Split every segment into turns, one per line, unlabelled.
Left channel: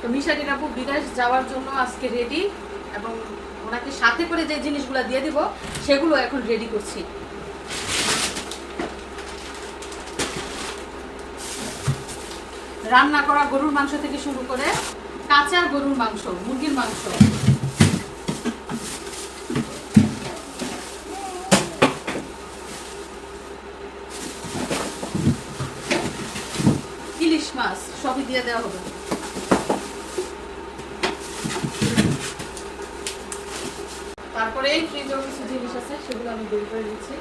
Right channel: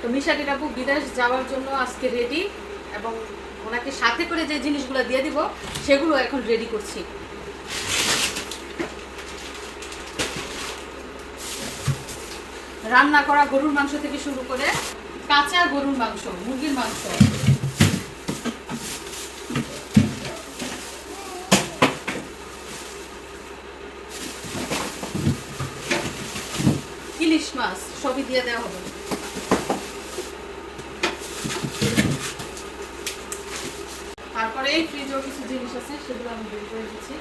তো মিশাটির আপু বিদেশ যাওয়ার জন্য আজকে রেডি এবং ওনাকে সাথে করে যে জিনিসগুলো দিয়ে দিব, সেগুলো এখন রেডি করছি। রান্না করা গরুর মাংস থেকে শুরু করে কাঁচা গরুর মাংস, মুরগির মাংস। ইলিশ মাছ সবই দিয়ে দেওয়া হবে। তারপরে এই ফ্রিজেও কিছু জিনিস আছে সেগুলো আমি বের করে দিচ্ছি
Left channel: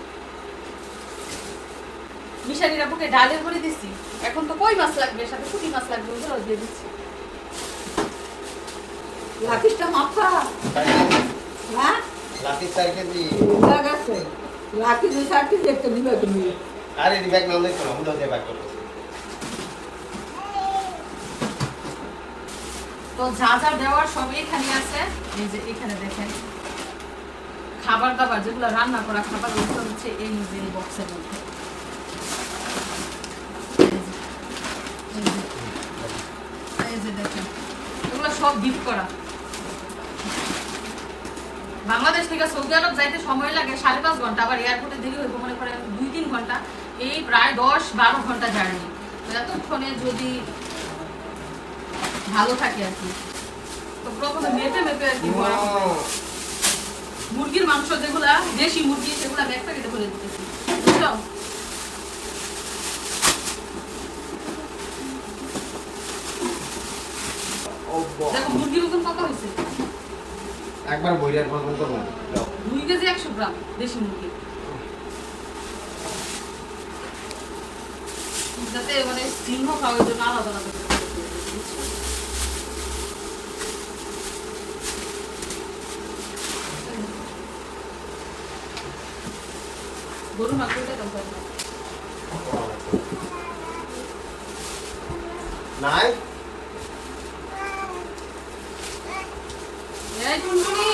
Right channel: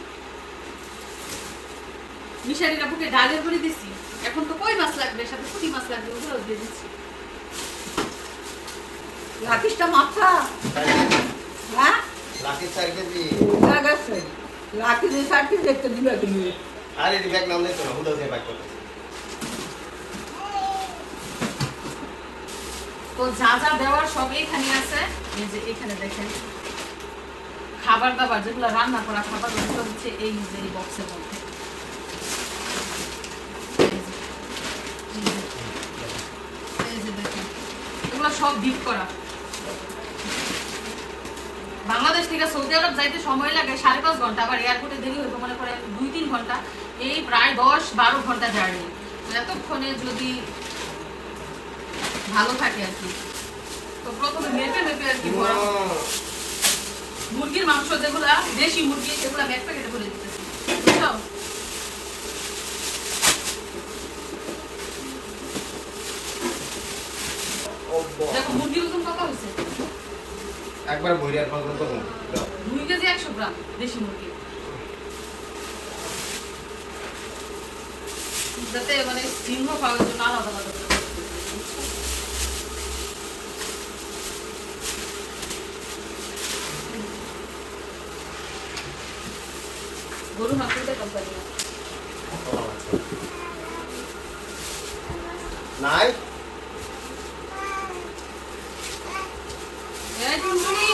মিশারির আপুকে ডালের করে দিচ্ছি এখন তো কই মাছ লাগবে? সাথে পুঁটি মাছ লাগবে ওগুলো দিয়ে দিচ্ছি।
লাকিসটা মাথা। হ্যাঁ?
চার কেজি
যে সারটি দেখতে দিবে তুমি
আর এই ব্যাগ নাম দেখো না হুদা দিয়ে ব্যাগ করো
তো যা যা দেওয়ার সব এখানে আছে। এই যে এখানে দেখেন। খাবার দাবার যেগুলো রান্না করা খাবার ওগুলো হচ্ছে এই যে এই বক্সের মধ্যে। এই যে, দেখেন এগুলো সব করা। বাংলাদেশ থেকে সৌদি আরব যাইতে সময় লাগে সাড়ে পাঁচ ঘণ্টা আবার এয়ারপোর্টে দেরি হইতে মনে করেন দুই তিন ঘণ্টা এই প্রায় দশ বারো ঘণ্টা জার্নি। এতক্ষণে যদি ভালো থাকে আর কি। তো প্রথমে মেপে মেপে আর কি মুরগির মাংস যেগুলা দেশি মুরগি সেগুলা আমি একটা কেটে করে দিতেছি। দেখো মুরগির ওজন কত হয়েছে?
একবার বইরার
দুই কেজি একশো গ্রাম দেশি মুরগি। যাতে মানে চিহ্ন পাওয়ার জন্য আলাদা আলাদা করে করে দিয়েছি, বুঝছ? গরু মাংসটা কম পাবি না
নাই
এই টুনটুনি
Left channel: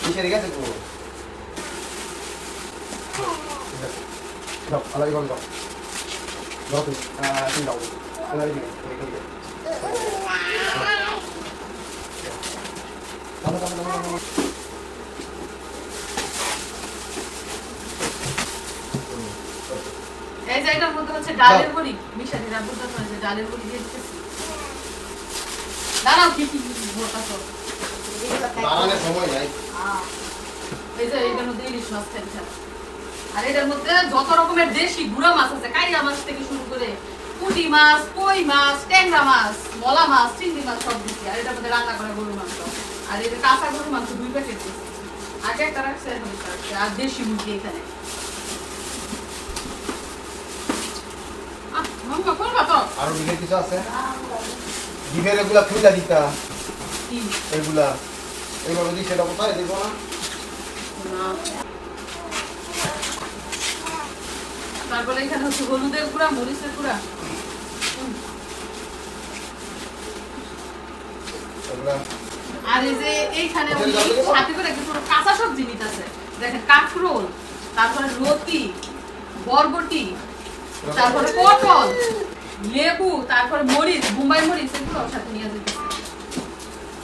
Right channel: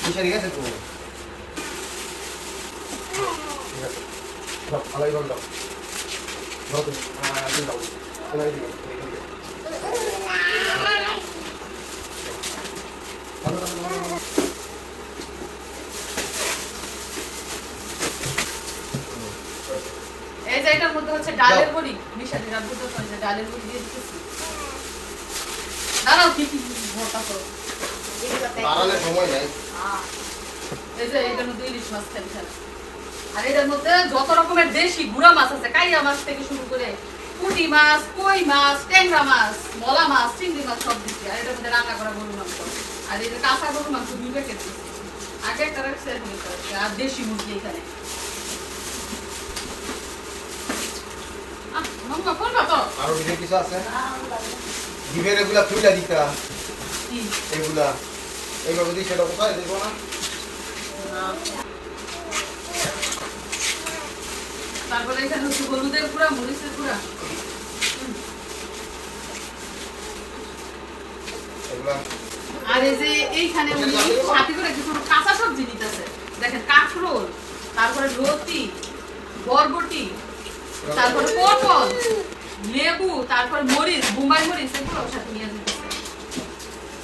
কিসে ঠিক আছে তুমি দাও আলাই দাও দাও দাও তুমি আহ তুমি দাও আলাই দিও এই দিও দাও দাও দাও দাও
এই যে এটার মধ্যে হচ্ছে ডালের বড়ি। মিশালিরা বুঝতে পারে যে ডালের বড়ি দিয়ে দিতেছি। দাঁড়াও কি কি ভোটা তো
দাঁড়ালে সময় নাই।
এই যে এটার মধ্যে ইলিশ মাছ আর এটার মধ্যে যত রকমের দেশি গুড়া মাছ আছে কাইরা মাছ থেকে শুরু করে পুঁটি মাছ কই মাছ ট্যাংরা মাছ মলা মাছ চিংড়ি মাছ সব দিচ্ছি আর এটার মধ্যে রান্না করা গরু মাংস। আর যে কাঁচা গরু মাংস দুই প্যাকেট দিচ্ছি আগে একটা রাখছে এখন আর দেশি মুরগি এখানে?
আরও কিছু আছে? ডিমের এগুলা খুইলা দিতা। এগুলা। এইভাবে দিই সেটা কোথায় দিব না?
তারপরে এখানে হচ্ছে হলুদের গুঁড়া মরিচের গুঁড়া।
এগুলা
আর যে এইখানে উনি সাথে করে কিছু কাঁচা সবজি নিতেছে? দেখেন, কাঁকরোল, তারপরে লতি বরবটি, তারপরে পটল, লেবু, তারপরে মরিচ, বোম্বাই মরিচ, এগুলো সাথে নিয়ে যেতেছে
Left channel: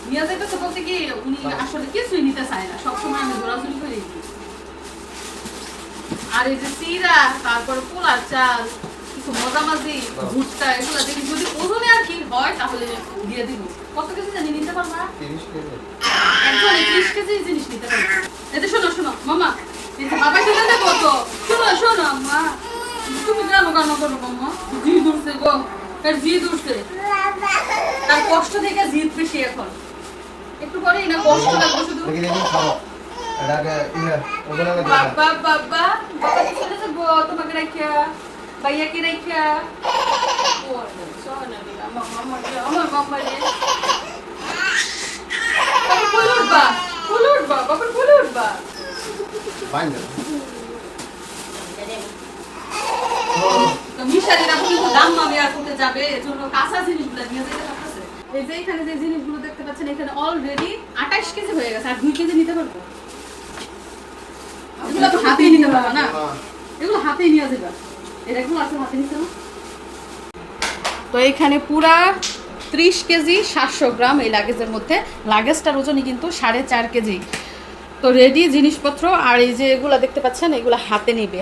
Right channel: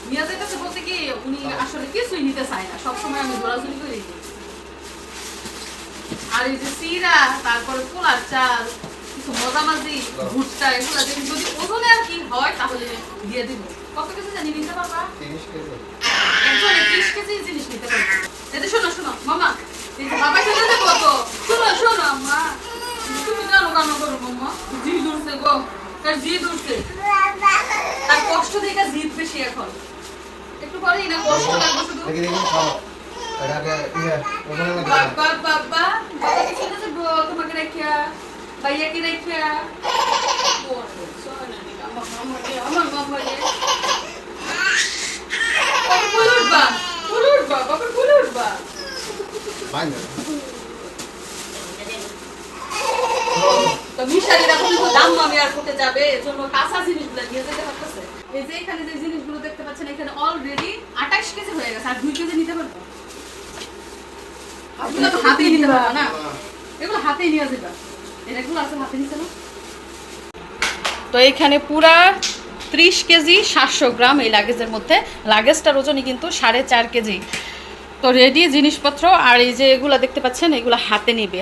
নিয়ে যেতেছে বলতে কি, উনি আসলে কিছুই নিতে চায় না, সবসময় আমি দৌড়াদৌড়ি করে আর এই যে চিরা তারপরে পোলার চাল, কিছু মজা মাজি ভুট্টা, এগুলো যদি যদি ওজনে আর কি হয় তাহলে দিয়ে দিব। কত কিছু জানি নিতে পারবা?
তিরিশ কেজি।
একজনে কেজি জিনিস নিতে পারবে। এতে শোনো শোনো মামা বাবা সাথে দেখো তো। শোনো শোনো মা তুমি জানো কেন করো মামা জি দূরছে গো। তার জি দূরছে তার কষ্ট দেখে জিদ বেশি এখন। একটু পরেই না কষ্ট লাগবে শুধু।
দেখি দেখি খাও। এটা ইয়ে
বাবা বাবা বাবা কি চলে যাব তোমাকে রাখিয়া ভাইয়াকে রাখিয়া এই যে এখানে যে জিনিসগুলো দেখতে পাচ্ছেন এখানে অলরেডি আঠাশ কেজি হয়ে গেছে আর দুই কেজি নিতে পারব হাতেই নিতে পারবা না এগুলো হাতেই নিয়ে যাবে এরকম আছে হাতে নিচে না? তো এইখানে পুরা ত্রিশ কেজি সাতশো গ্রাম এই লাগেজের মধ্যে। লাগেজটার ওজনই কিন্তু সাড়ে চার কেজি। তো রেডি জিনিসপত্র আর এই যে এগুলো দেখতে পাচ্ছেন এগুলো হাতে নিবে।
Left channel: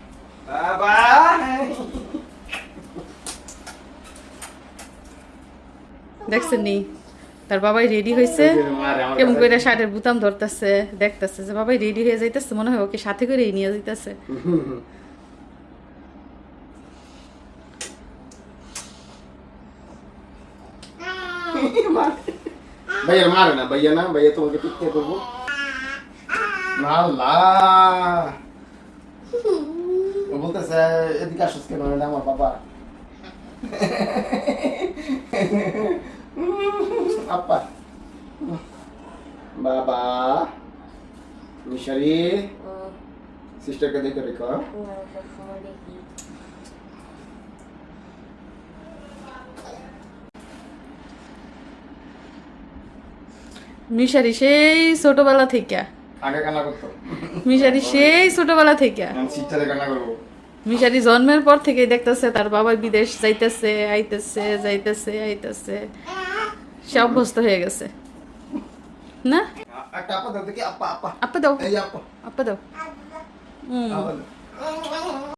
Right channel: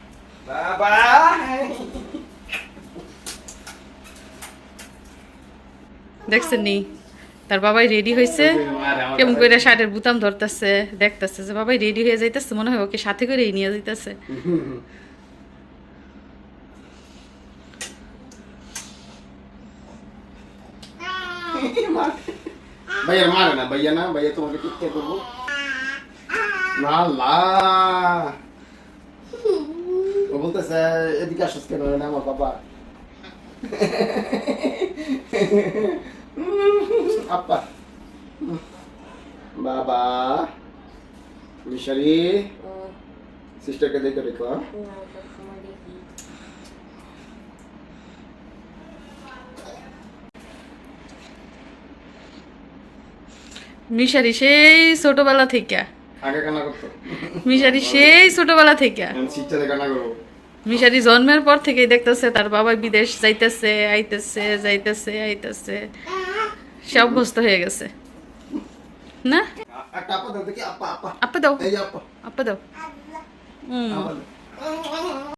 দেখছেন নি? তার বাবাই রেডি হয়েছে কেমন করে শার্টের বুতাম ধরতেছে দেখতেছে যে বাবাই রেডি হয়ে যাইতেছে মনে হয় ওকে সাথে করেই নিয়ে যাইতেছে।
ভাইয়া মারে না ভাইয়া না ভাইয়া তোমাকে টিকতে করব না ও বলতেছে এদিকে আসছ কেন এটা আমার বাবা আপা বাবা মিশারি সিস্টারকে দেখে রেখো
মিশারি সেই ছোটবেলা থেকে।
আগে কান্না করতো।
মিশারি সেই ছোটবেলা থেকে।
কান্না করব।
মিশারি জন্মের পর থেকেই দেখতেছে তার বাবা বিদেশ যাইতেছে আইতেছে যাইতেছে আইতেছে। সে অভ্যস্ত হয়ে গেছে। না?
একটা আপা দাও দেখি আপা আপা
আপা দাও।
এই আপা
আপা দাও। হুম।